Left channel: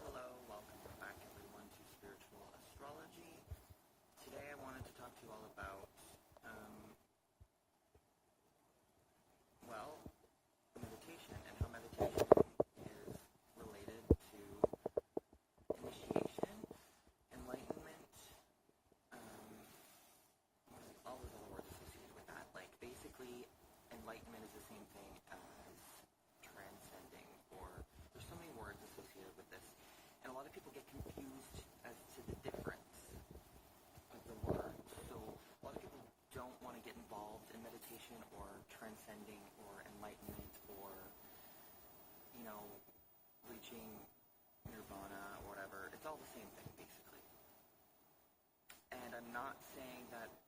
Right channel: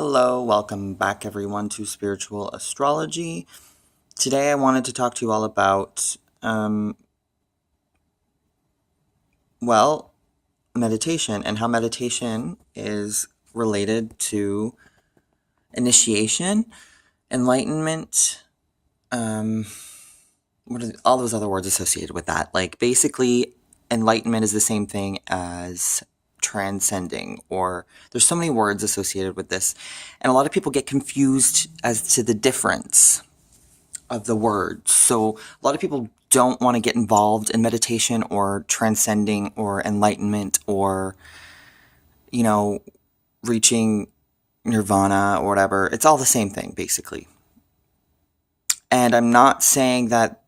Hello, welcome back everyone to Spiritual Astrology. Today I wanted to talk to you all about, well, meditation and how meditation is related to initiation, enlightenment, what are all those other words associated with that? Like, basically, enlightenment is the same thing as transcending, or there's so many words associated with this, and a lot of people get confused as to the difference of the words. So a lot of people don't want to get involved in meditation or transcending or enlightenment or, you know, reaching nirvana or whatever. It's all the same thing, basically. And I'm not saying that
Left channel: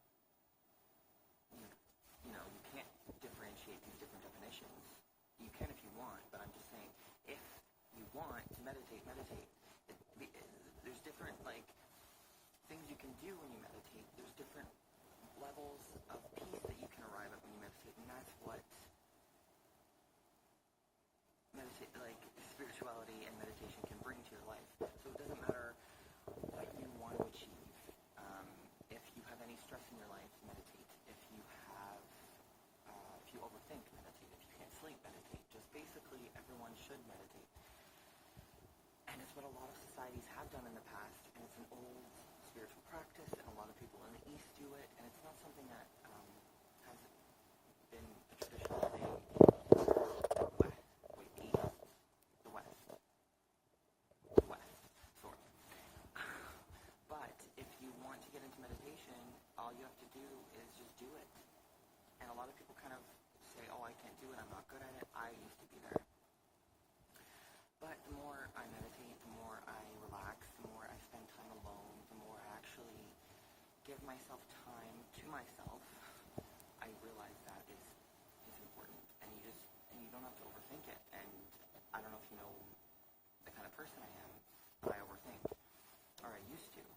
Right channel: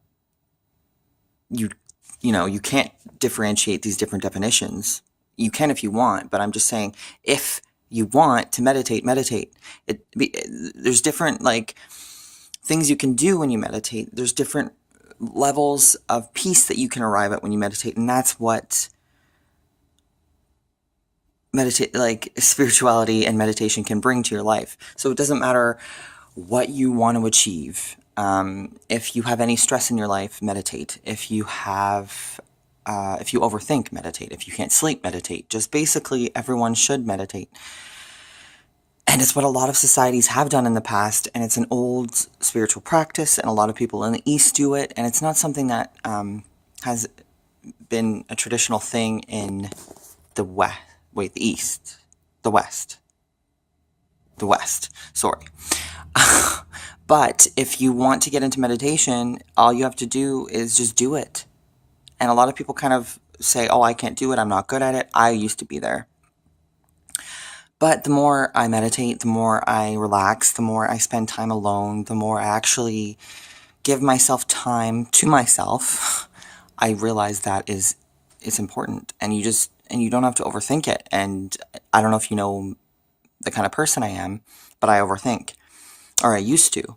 you can't differentiate these different definitions. You can if you want, but I'm just saying if you want to meditate, meditate. There's different like things you can do when you meditate. There's different levels of peace that you can arrive at when you meditate, and that's what spirituality and meditation can bring to your life. So it doesn't matter what you want to achieve. If you have any stress in your life, meditate. If you overthink, meditate. If you can't sleep, meditate. Just basically, everyone should meditate. And it's what a lot of societies have done in the past, and it's an old spiritual practice, and a lot of people in the East do it, and it's not something that has been a traditional thing in the West. Wait, the East. The West. The West. Sorry. But if you want to get into meditation, all you have to do is just do it. And a lot of people kind of say, oh, I can't do it, I'm not good at it. I used to be there. But the more I meditate, the more I relax, the more I spend time alone, the more I actually give myself time to myself, I realize that it's important. And you don't have to overthink it. And I don't know if you know the kind of person I am, but I overthink. Or I used to.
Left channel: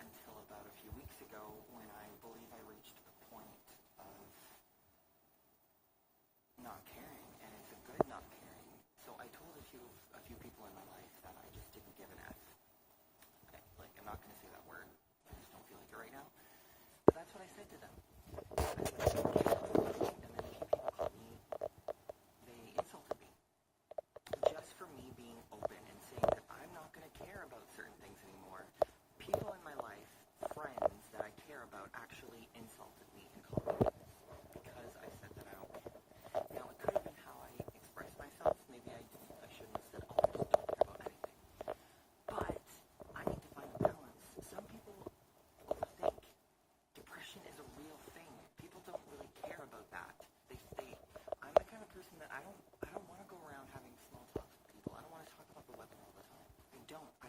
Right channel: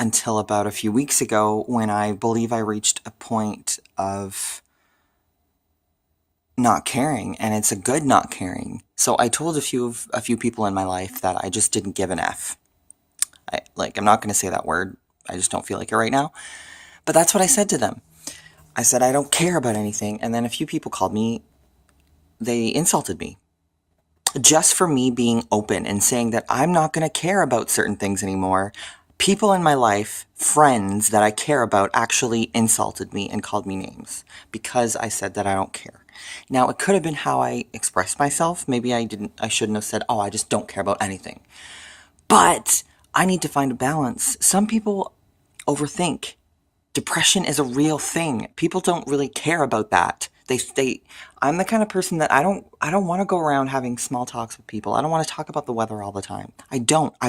Until about a few weeks ago when I believe I reached a point of not caring, and it's a good not caring. So I told a few people in my life that I just didn't give an F. I'm not going to say that word. I just don't feel like it right now. But that's what I said to them. I said I don't care about anything, and then a few people called me. They insulted me. Just for me being open and saying that I'm not going to care about certain things anymore. People in my life, friends that I care about, actually insulted me and called me names because I said that I don't care. Now, it could have been how I expressed myself. Maybe I shouldn't have said, oh, I just don't care about anything. But I need to find a balance. Some people overthink. Depression is a real thing. People don't really care about that. I'm the kind of person that I don't want to go around having small talks with people. I don't want to talk about the weather all the time. I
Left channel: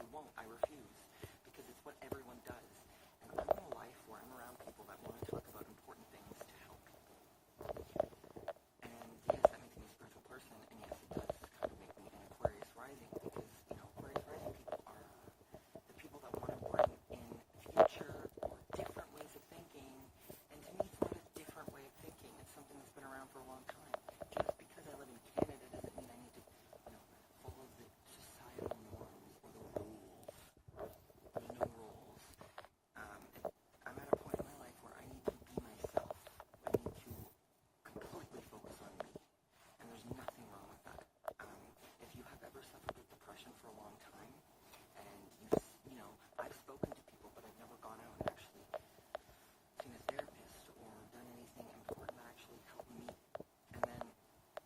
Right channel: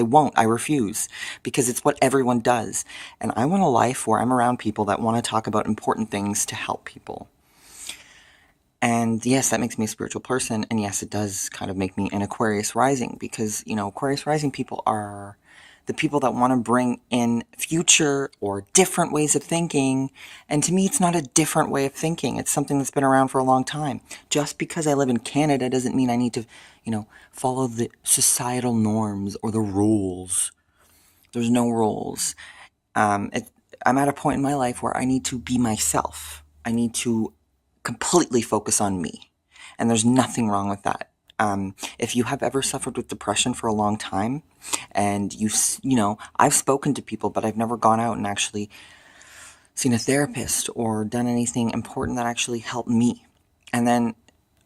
won't, I refuse, because it's what everyone does. And I want a life where I'm around people that want to talk about important things to help people. And yes, that makes me a spiritual person, and yes, it does kind of make me an Aquarius rising, because, Aquarius rising people are the people that want to bring in future or different ways of thinking. And to me, it's not a different way of thinking. It's something that's been around for a long time. Just because I live in Canada doesn't mean I need to, follow the societal norms or the rules. There's no rules. I'm at a point in my life where I need to be myself. I need to completely focus on me. And there's nothing wrong with that. If you have ever suffered with depression for a long time, and I've spoken to people, but I've never gone out and actually seen a therapist or done anything important that actually helped me. And then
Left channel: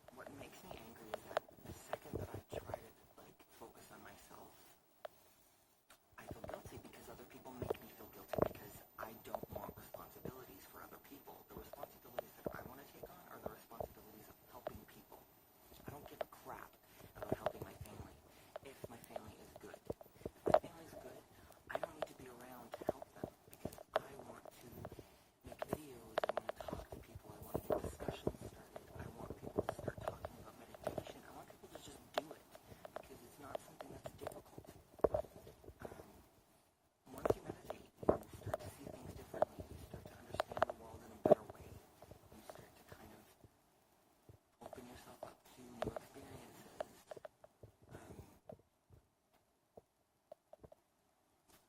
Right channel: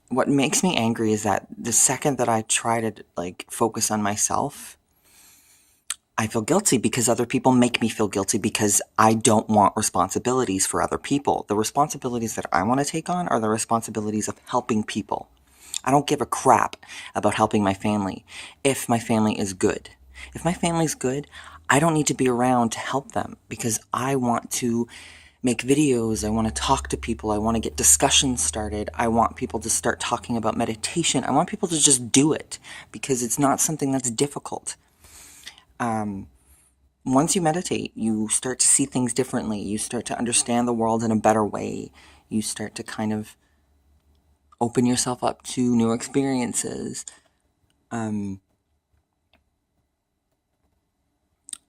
what makes me angry is that the second that I try to focus on myself, I feel guilty because other people make me feel guilty because I don't want responsibilities for other people. The responsibilities that I want to take on are the responsibilities of helping people. I don't give a crap about helping my family if my family is good. If my family's good, I don't need to be around to help them because I want to make videos. I want to talk to people. I want to get discussions started. I want people to start talking about meditation. I want people to just do it because it's not something that's difficult. Once you meditate, you start to see things differently. You start to understand the world in a better way. You start to kind of open yourself up to new experiences.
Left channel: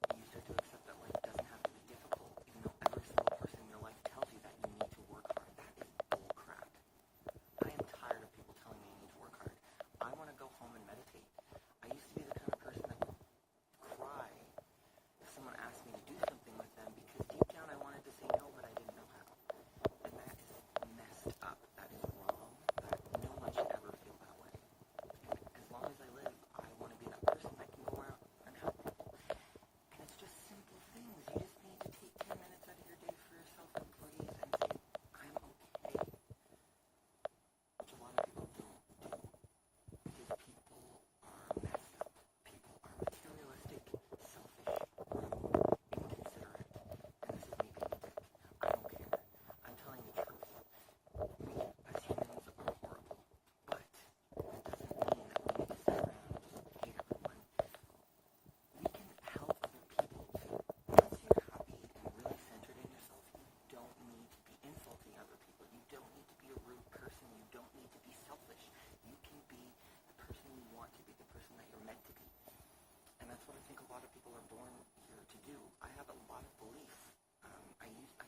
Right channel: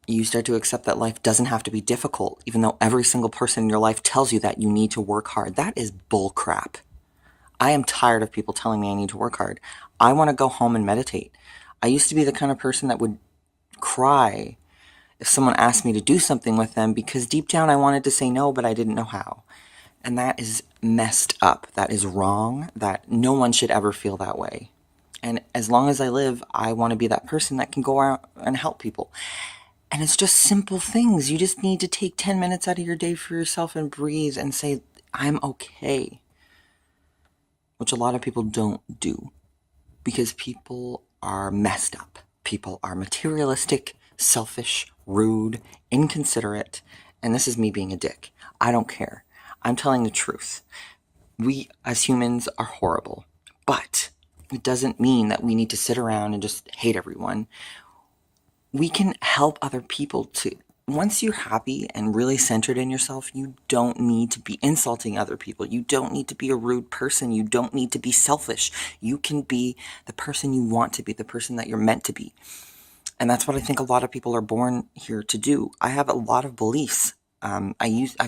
You start to accept that life doesn't have to be difficult, even though every single person in your life tells you that you need to work hard. That is bull crap. I am tired of people telling me I need to work hard. I want to go home and meditate. I used to be the kind of person that would cry if someone asked me to do something with them because deep down I wanted to say no, but I didn't know how. And that is messed up. That is wrong. That no one should ever feel that way. And as long as I live, I want to be that person that can go out and help people. And it's just simple things. You just need to take 10 minutes out of your day for yourself and breathe and say, I'm okay. Which a lot of people don't do because people are messed up. People are materialistic, selfish, rude, inconsiderate, and this is me being a dick. I don't care. I'm telling the truth. We as humans are horrible, but it doesn't mean that we need to sit around and just hate everyone. We can help other people too. Once you're happy and really centered in yourself, you don't need to be insulting other people. You don't need to be a rude person. You don't need to be selfish. You can be the person you want to be, the person that you're meant to be. And that's what I think a lot of people are born here to do. I have a lot of beliefs. I used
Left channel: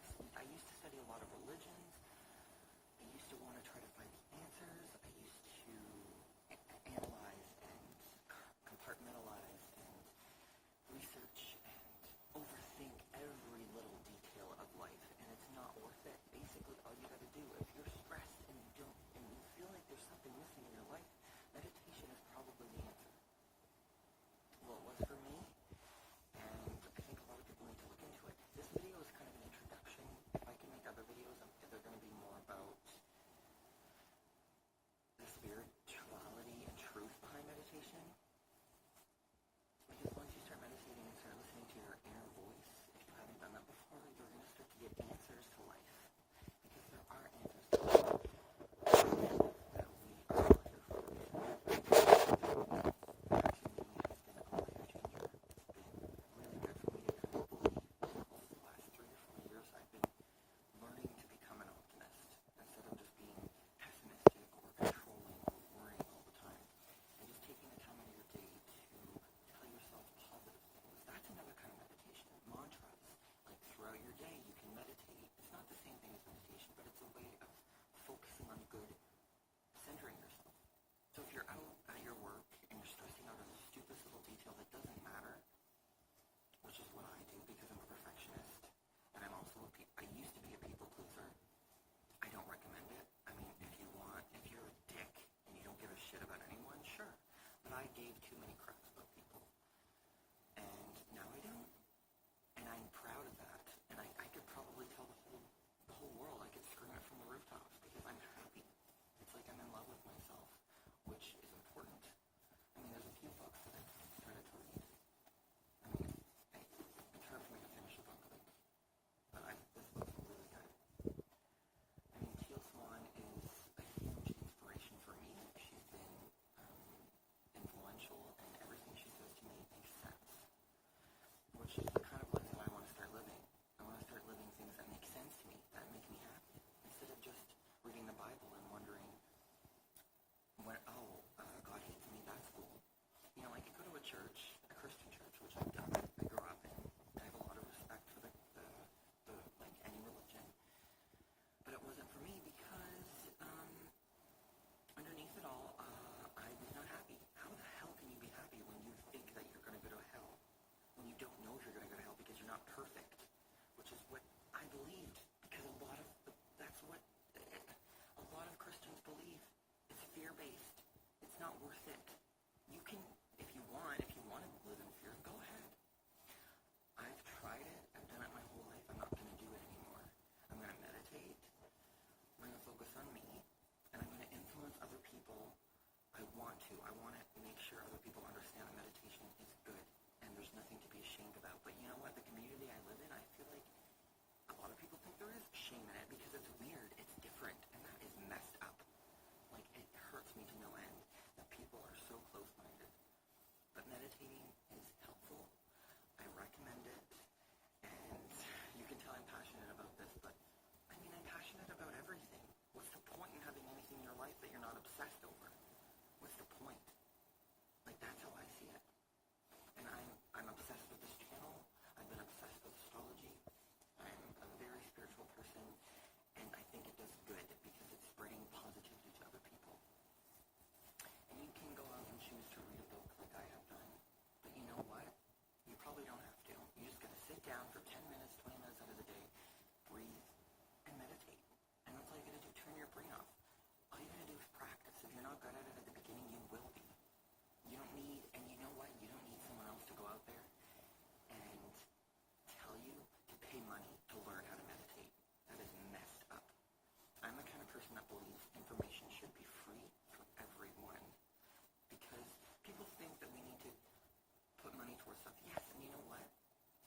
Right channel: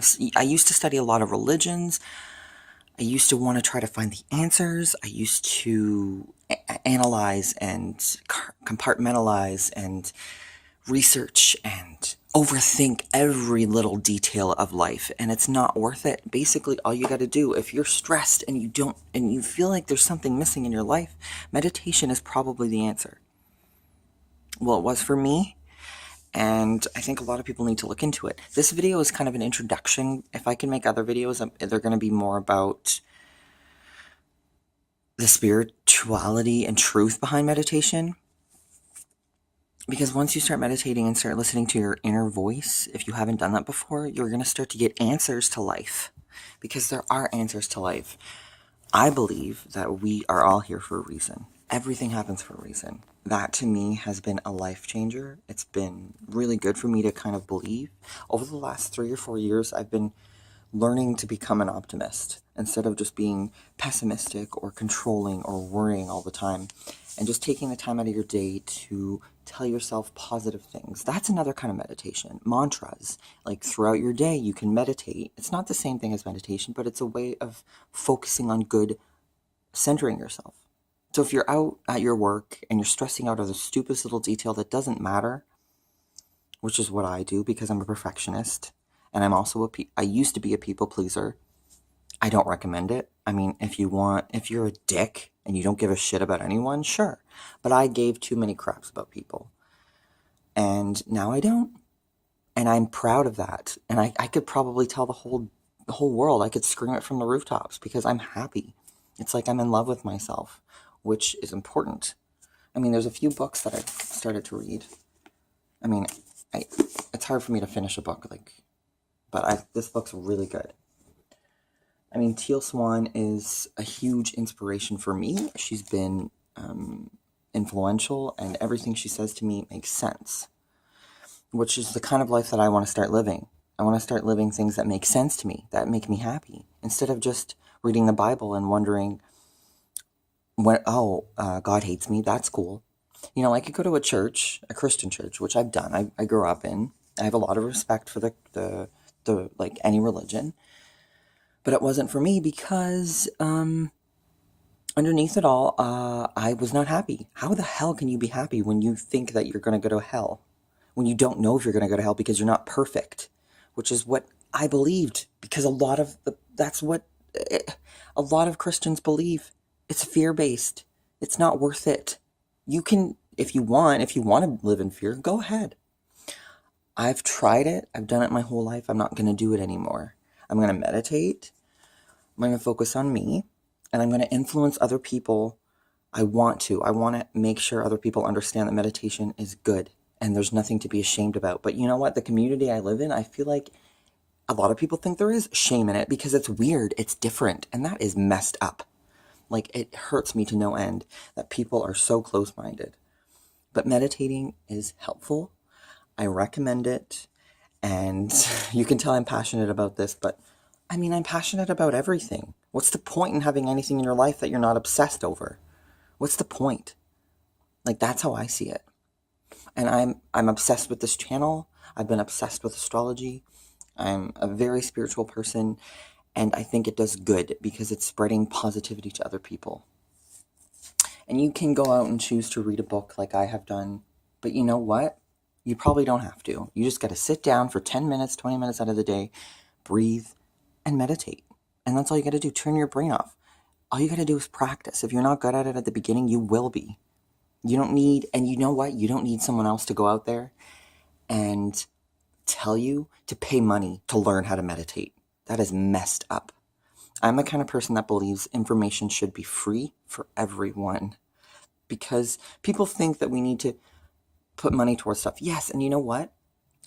to study a lot of religions. I used to want to try to find the answers. I used to analyze and compartmentalize and research and overthink every little detail of life, and it's not worth it. Basically, all you got to do, if you're stressed and you feel like there's something missing in your life, meditation is probably the answer. Well, it was for me, and I think a lot of people need to look into it. This video is kind of an introduction. If I can make other videos, they're going to be more about the spirituality and truth behind meditation. Because once you start meditating and start listening to your inner voice, if you haven't done that before, you're going to start to get answers to life. Because there are answers to life. I believe that we are all here for a reason. Everything happens for a reason. That to me has been a life changer. It's been really good for me to kind of believe. Over the last 3 or 4 years, I've been learning to become an optimist instead of just being pessimistic or controlling or worrying all the time, and just taking the time out of your day to tell yourself positive things. That's another kind of meditation. Mantras, like throughout your day you can meditate. It's not the same thing as meditation, but it's a way of focusing on good, centering yourself. So if you're out at your work and you're stressing out over the stupidest little detail that doesn't matter, which is what I do because I'm a perfectionist, and I'm also I used to be a people pleaser. I don't recommend it. I mean, if you're a dick and you don't give a shit about anyone, sure. But I gave too many craps about people. And now I don't. And I'm proud of that. And I could probably tell the whole world. I could scream it from the rooftops because I'm happy. It's like I'm in love with myself, which is important. I mean, there's a few books that I've started to read. I mean, it's hard for me to finish a book, but this book's really good. I mean, Teal Swan is a huge inspiration for me. She's been influential, and everything she says to me makes sense, which is the kind of life that I want to start living. I want to start living things that make sense to me, that make me happy, instead of just reading the Bible and wondering, God hates me, that's cool. You know, I could go to a church, a Christian church, which I've done. I grew up in. I have a lot of respect for the like any religion. But it wasn't for me because underneath it all, I was not happy. How the hell can you be happy when you think that you're going to go to hell? When you don't know if you're going to go to hell because you're not perfect, which is what I believed. Because that's what a lot of Christians believe. It's fear-based. It's not worth it. You can, if you want to live in fear, go ahead. I've tried it. I've done it my whole life. I'm not going to do it anymore. I'm going to meditate. I'm going to focus on me, and I'm going to influence other people. I want to make sure other people understand that meditation is good, and there's nothing to be ashamed about. But you know what? The community I live in, I feel like a lot of people think there is shame in it because it's weird, it's different, and that is messed up. Like, it hurts me to no end that people are so close-minded. But meditating is helpful. I recommend it, and you can tell I'm passionate about this, but I mean, I'm passionate about everything. What's the point in having anything in your life that you're not obsessed over? What's the point? Like, that's how I see it. And I'm obsessed with this channel. I've been obsessed with astrology. I'm a very spiritual person, and I think it does good because it's spreading positivity to other people. And you can go out and choose to read a book like I have done, but you know what? You probably don't have to. You just got to sit down for 10 minutes, 20 minutes out of the day, breathe, and meditate. And that's all you got to do. Turn your brain off. All you got to do is practice. If you're not good at it at the beginning, you will be. You don't need, and you know what? You don't need someone else to go out there and tell you to pay money to learn how to meditate. That is messed up. I'm the kind of person that believes information should be free for everyone, because people think that we need to put money towards stuff. Yes, and you know what?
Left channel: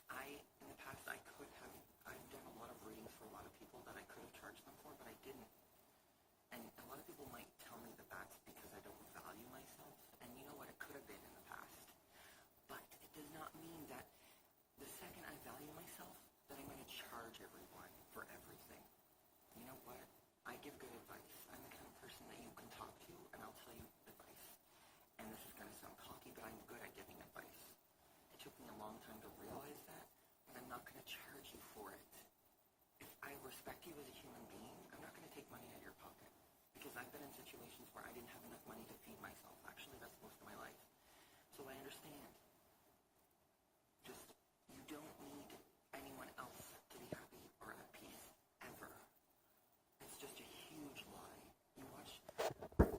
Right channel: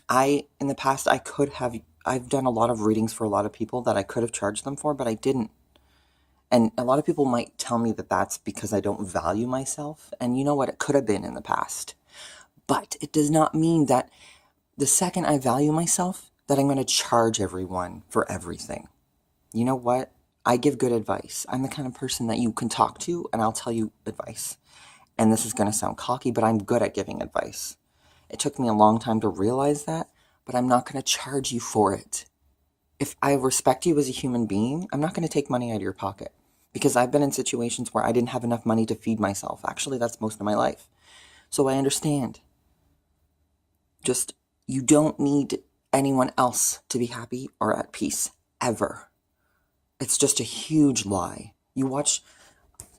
In the past, I've done a lot of readings for a lot of people that I could have charged them for, but I didn't. And a lot of people might tell me that that's because I don't value myself. And you know what? It could have been in the past. But it does not mean that the second I value myself, that I'm going to charge everyone for everything. You know what? I give good advice. I'm the kind of person that you can talk to and I'll tell you advice. And this is going to sound cocky, but I'm good at giving advice. It took me a long time to realize that, but I'm not going to charge you for it. If I respect you as a human being, I'm not going to take money out of your pocket, because I've been in situations where I didn't have enough money to feed myself. Actually, that's most of my life. So I understand. Just, you don't need anyone else to be happy or at peace, ever. It's just a huge lie. You watch,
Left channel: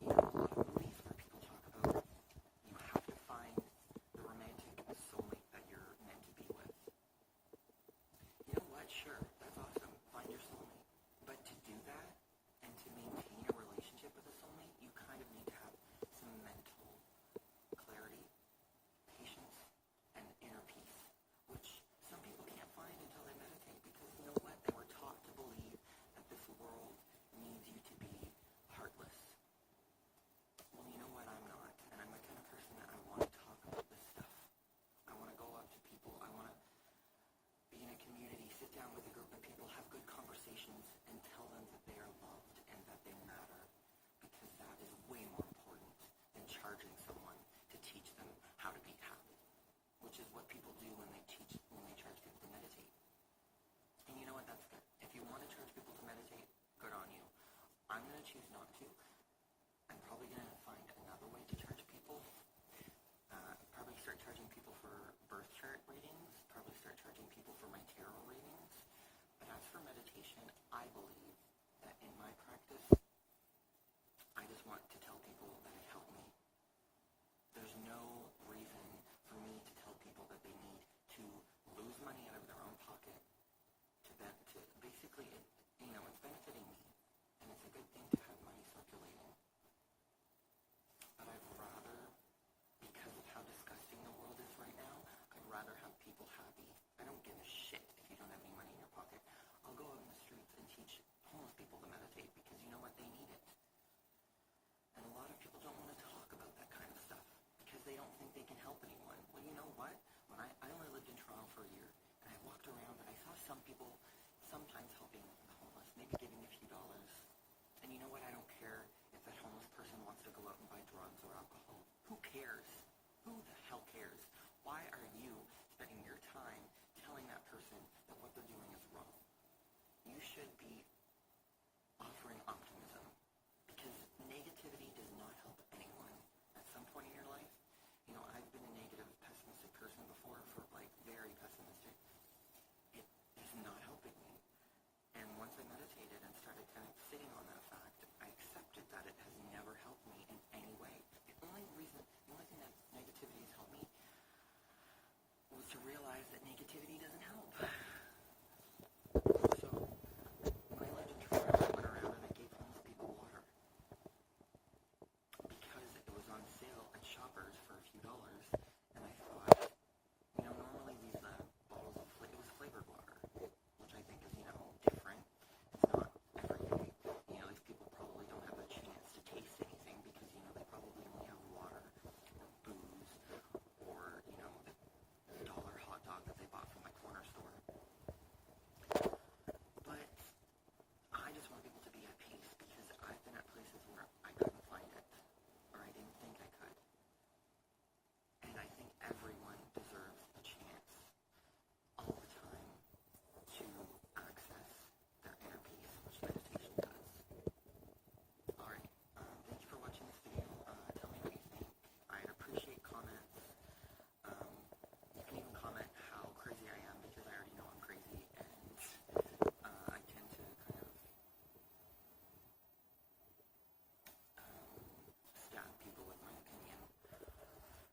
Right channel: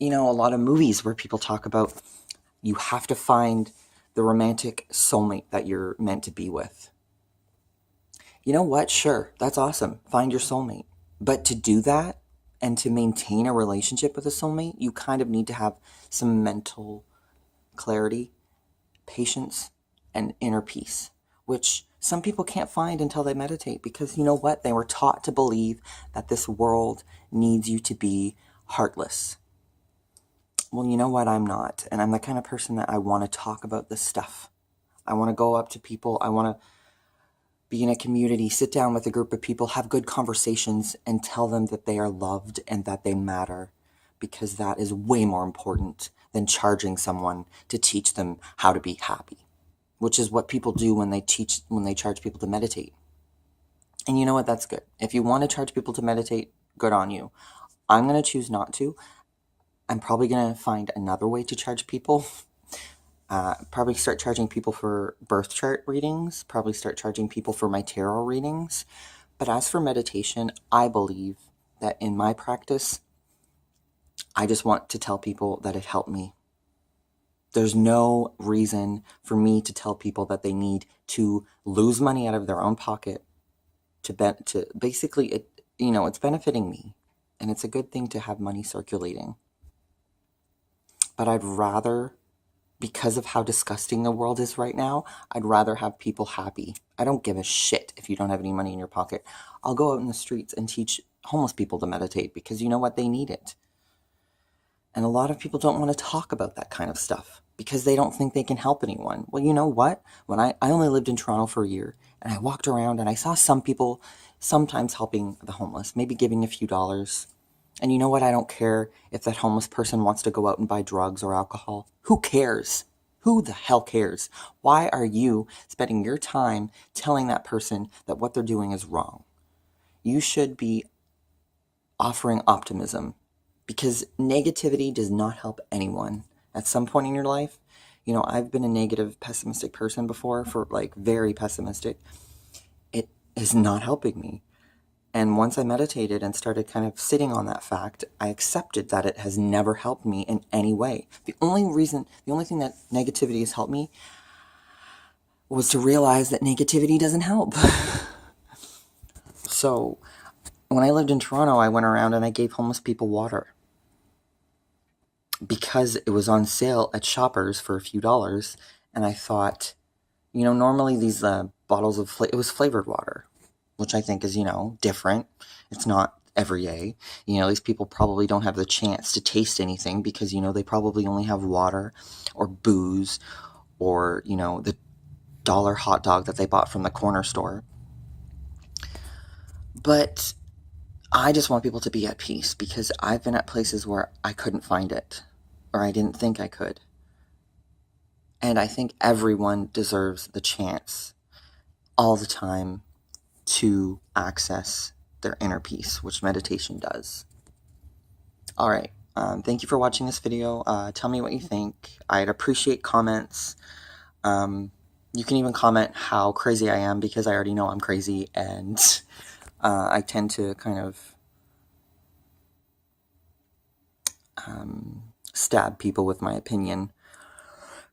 a lot of movies where people talk about you have to find the romantic soulmate that you're meant to be with. You know what? Sure, that's awesome. Find your soulmate. But to do that and to maintain a relationship with a soulmate, you kind of need to have some mental clarity, patience, and inner peace, which some people can't find until they meditate, because you know what? They were taught to believe that this world needs you to be heartless. Well, you know what? I'm not. And I'm the kind of person that I want to talk about this stuff. I want to go up to people. I want to be in a community, sit down with a group of people, have good conversations, and tell them that they are loved and that they matter, because that is way more important than charging someone to teach them how to be happy, which is what people do when they charge people to meditate. And you know what? That's good. If you want to charge people to meditate, good on you. I'm going to choose not to. I'm probably going to find another way to charge people. Probably start charging people for birth chart readings. Probably start charging people for my tarot readings. But as for meditation, I believe that in my practice, I just want to tell people that it helped me. There's no reason for me to tell people that they need to lose money out of their own pocket to basically, it's benefiting me. And it's a good thing to have money circulating. But I'd rather, because of how disgusting the world is right now, I'd rather have people happy. I don't give a shit if you don't have any money in your pocket. I'll go out in the streets and teach homeless people to meditate, because you know what? They need it. And a lot of people don't want to talk about that kind of stuff because they don't think they can help anyone. Well, you know what? When I only lived in Toronto for a year, and I walked around and I saw some people sometimes helping the homeless, maybe giving a few dollars. And you know what? I don't care if that homeless person wants to go out and buy drugs or alcohol. Who cares? Who the hell cares? Why are you spending your time telling that person that what they're doing is wrong? You should be offering optimism, because negativity does not help anyone. At some point in your life, I've been a negative, pessimistic person before, very pessimistic. It is not helping me. And once I meditated and started kind of sitting on that fact, I accepted that it has never helped me in any way. The only thing that negativity has helped me was to realize that negativity doesn't help. So, when I lived in Toronto, I went around and I gave homeless people water, because it was on sale at Shoppers for a few dollars. And I thought, normally these bottles of, it was flavored water, which I think is, different. It's not everyday. These people probably don't have the chance to taste anything, because, they probably only have water or booze or, the dollar hot dog that they bought from the corner store. But I just want people to be at peace, because I've been at places where I couldn't find it, or I didn't think I could. And I think everyone deserves the chance. all the time to access their inner peace, which meditation does. All right. Thank you for watching this video. Tell me what you think. I'd appreciate comments. You can even comment how crazy I am, because I already know I'm crazy, and I tend to kind of stab people with my opinion.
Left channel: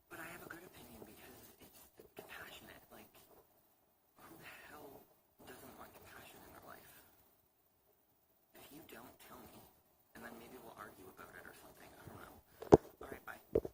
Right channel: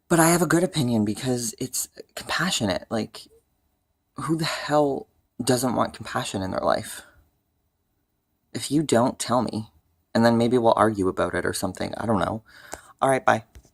But I have a good opinion because it's compassionate. Like, who the hell doesn't want compassion in their life? If you don't, tell me. And then maybe we'll argue about it or something. I don't know. All right, bye.